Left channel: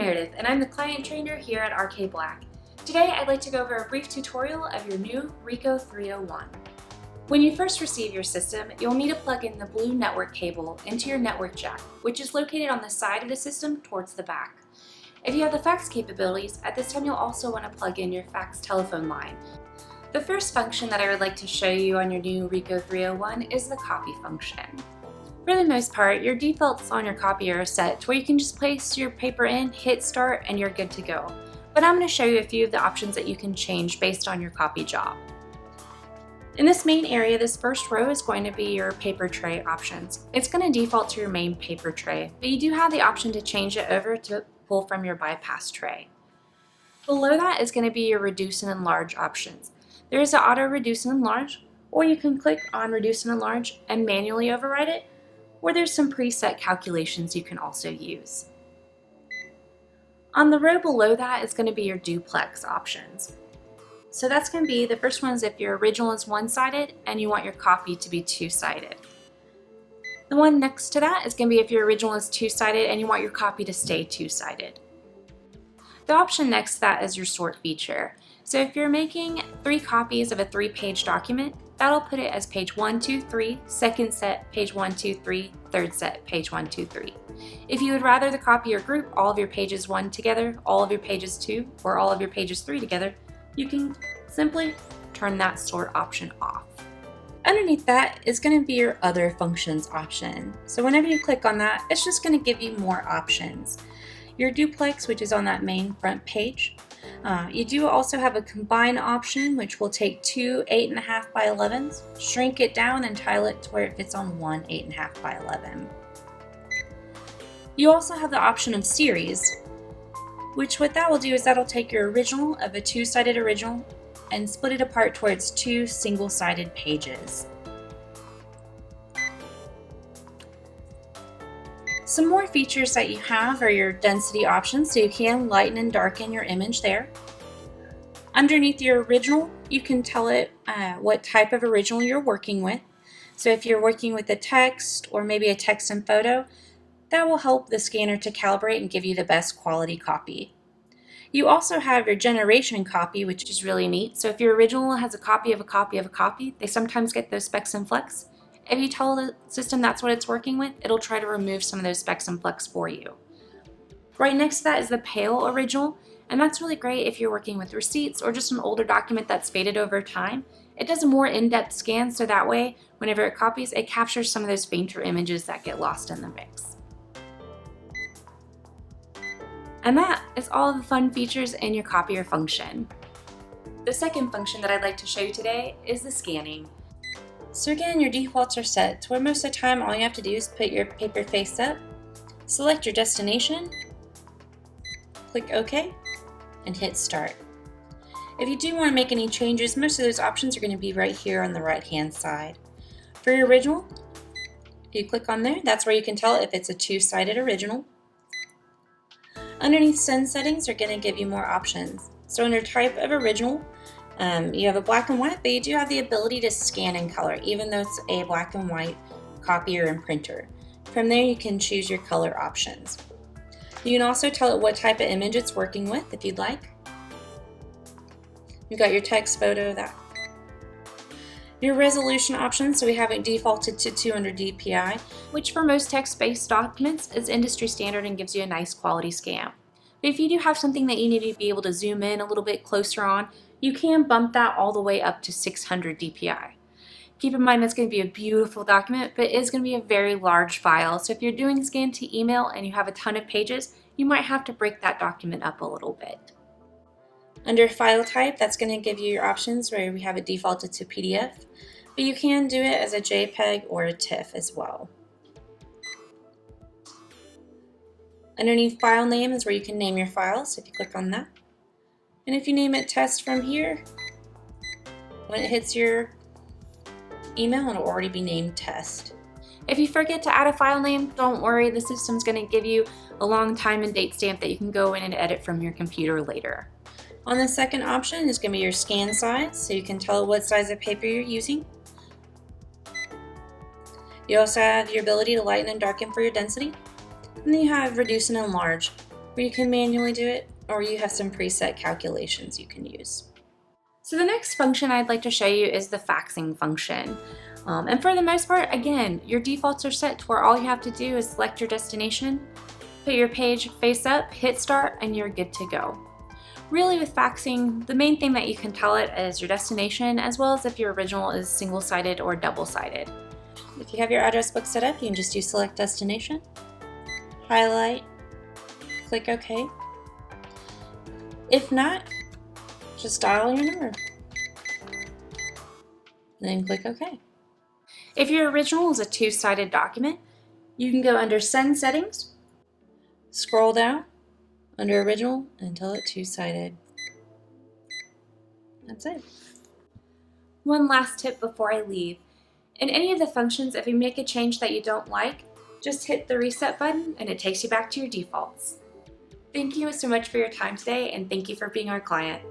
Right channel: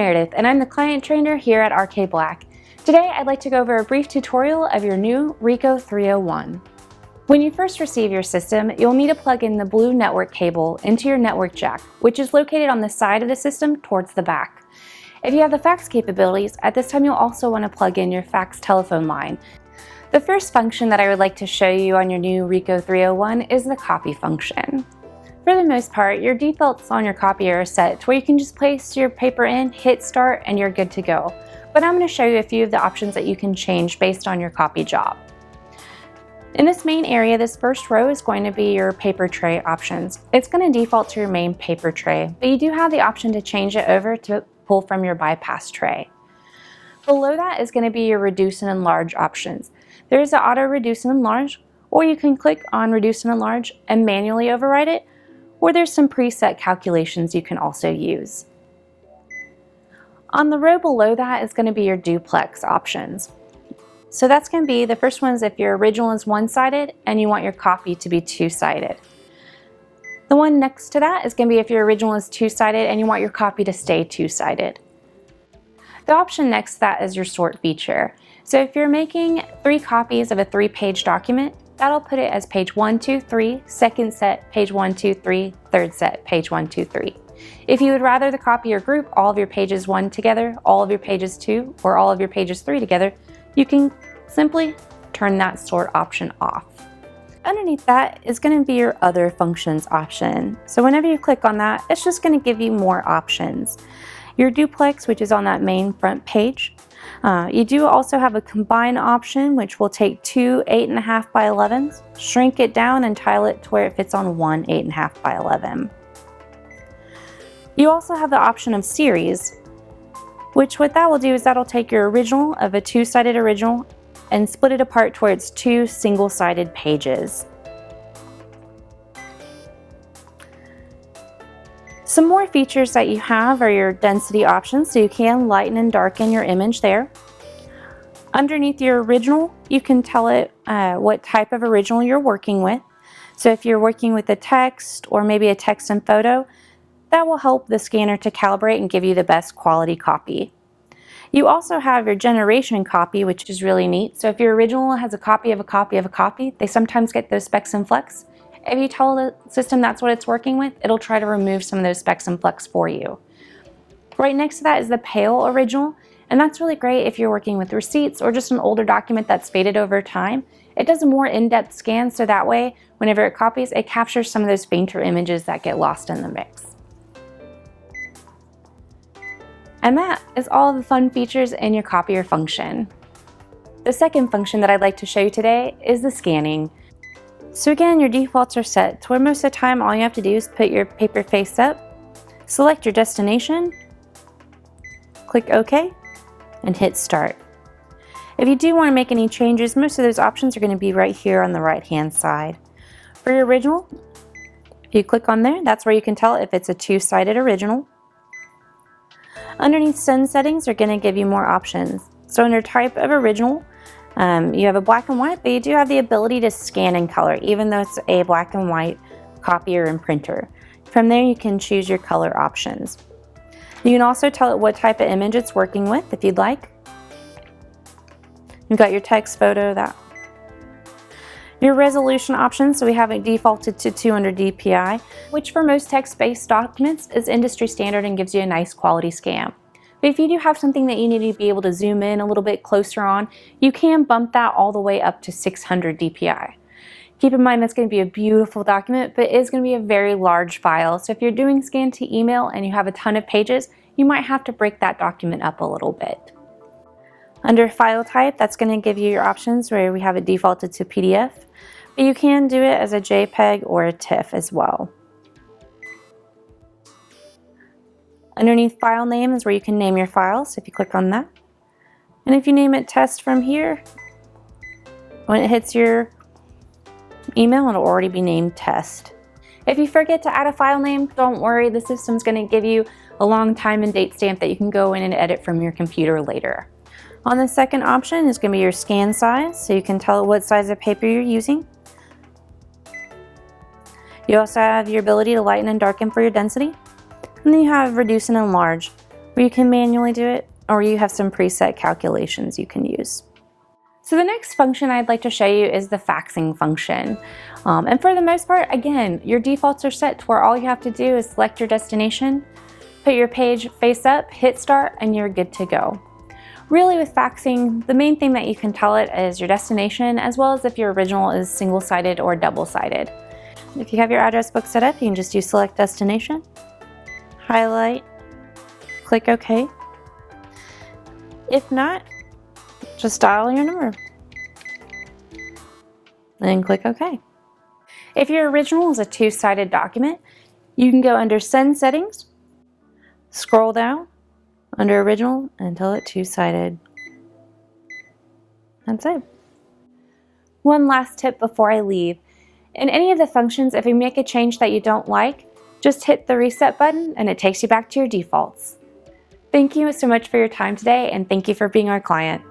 Meredith, and I'm the client trainer here at RK Black. Today, I'd like to go over a brief tutorial of your new Ricoh 301. When you first receive your system, you'll need to plug in the blue network cable into your network jack, which is located on the side of the system towards the back. If you have the fax capabilities, at this time you'll also want to plug in your fax telephone line. The first function that I would like to show you on your new Ricoh 301 is the copy function. For the most part, your defaults on your copier are set to where you can just place your paper in, hit start, and you're good to go. But I'm going to show you a few of the options that you can change based on your copy job. In this main area, this first row is going to be your paper tray options. It's going to default to your main paper tray, but you do have the option to change it over to pull from your bypass tray. Below that is going to be your reduce and enlarge options. There is an auto reduce and enlarge, or you can click on reduce and enlarge and manually override it, or there's some preset calculations you can also use. On the row below that is going to be your duplex options. So that's going to be, the first one is if your original is one-sided and you want your copy to be two-sided. The one next to that is going to be if your original is two-sided and you want your copy to stay two-sided. The option next to that is your sort feature. So if you're making 3 copies of a 3-page document, that'll put it as page 1, 2, 3, second set, page 1, 2, 3, third set, page 1, 2, 3. If you would rather the copier group all of your pages 1 together, all of your pages 2, or all of your pages 3 together, you can simply turn that sort option off. Underneath that is going to be your other functions option. So whenever you click on that, it's just going to give you more options. Your duplex, which is on that main front page. You do also have a combine option, which will take 2 8.5 by 11s, shrink it down and tile it to where it fits on 1 8.5 by 11. You also have the option of series, which what that will do is that'll take your original of a 2-sided original and split it apart towards 2 single-sided pages. Some more features that you have are your density options, so you can lighten and darken your image there. Underneath your original, you can tell it what type of original you're working with. So if you're working with a text or maybe a text and photo, that will help the scanner to calibrate and give you the best quality copy. You also have your generation copy, which is really neat. So if your original has a copy of a copy of a copy, they sometimes get those specks and flecks. If you tell the system that's what it's working with, it'll try to remove some of those specks and flecks for you. Right next to that is the pale original, and that's really great if you're working with receipts or just an older document that's faded over time. It does a more in-depth scan, so that way, whenever it copies, it captures some of those fainter images that get lost in the mix. And that is all of the fun features in your copier function. The second function that I'd like to show you today is the scanning. So again, your defaults are set to where most of the time all you have to do is put your paper face up, select your destination, click OK, and hit start. If you do want to make any changes, most of those options are going to be right here on the right hand side. For your original, you click on there, that's where you can tell if it's a 2-sided original. Underneath send settings are going to give you more options. So under type of original, you have a black and white, but you do have the ability to scan in color, even though it's a black and white copier and printer. From there, you can choose your color options. You can also tell it what type of image it's working with if you'd like. You've got your text, photo, that. Your resolution options, so we have it defaulted to 200 dpi, which for most text-based documents is industry standard and gives you a nice quality scan. But if you do have something that you need to be able to zoom in a little bit closer on, you can bump that all the way up to 600 dpi. Keep in mind that's going to be a beautiful document, but it is going to be a very large file. So if you're doing scan to email and you have a ton of pages, you might have to break that document up a little bit. Under file type, that's going to give you your options where we have it defaulted to PDF, but you can do it as a JPEG or a TIFF as well. Underneath file name is where you can name your files, if you click on that. And if you name it test from here, when it hits your email, it'll already be named test. If you forget to add a file name, don't worry, the system's going to give you a long time and date stamp that you can go in and edit from your computer later. On the second option is going to be your scan size, so you can tell what size of paper you're using. You also have your ability to lighten and darken for your density. And then you have reduce and enlarge. where you can manually do it, or you have some preset calculations you can use. So the next function I'd like to show you is the faxing function. And for the most part, again, your defaults are set to where all you have to do is select your destination, put your page face up, hit start, and you're good to go. Really with faxing, the main thing that you can tell it is your destination, as well as if your original is single-sided or double-sided. If you have your address book set up, you can just do select destination, highlight, click OK. If not, just dial your number, then click OK. If your original is a two-sided document, you can go under Send Settings, scroll down under Original until it's two-sided. That's it. One last tip before I leave. In any of the functions, if you make a change that you don't like, just hit the reset button and it takes you back to your defaults. Thank you so much for your time today, and thank you for being our client.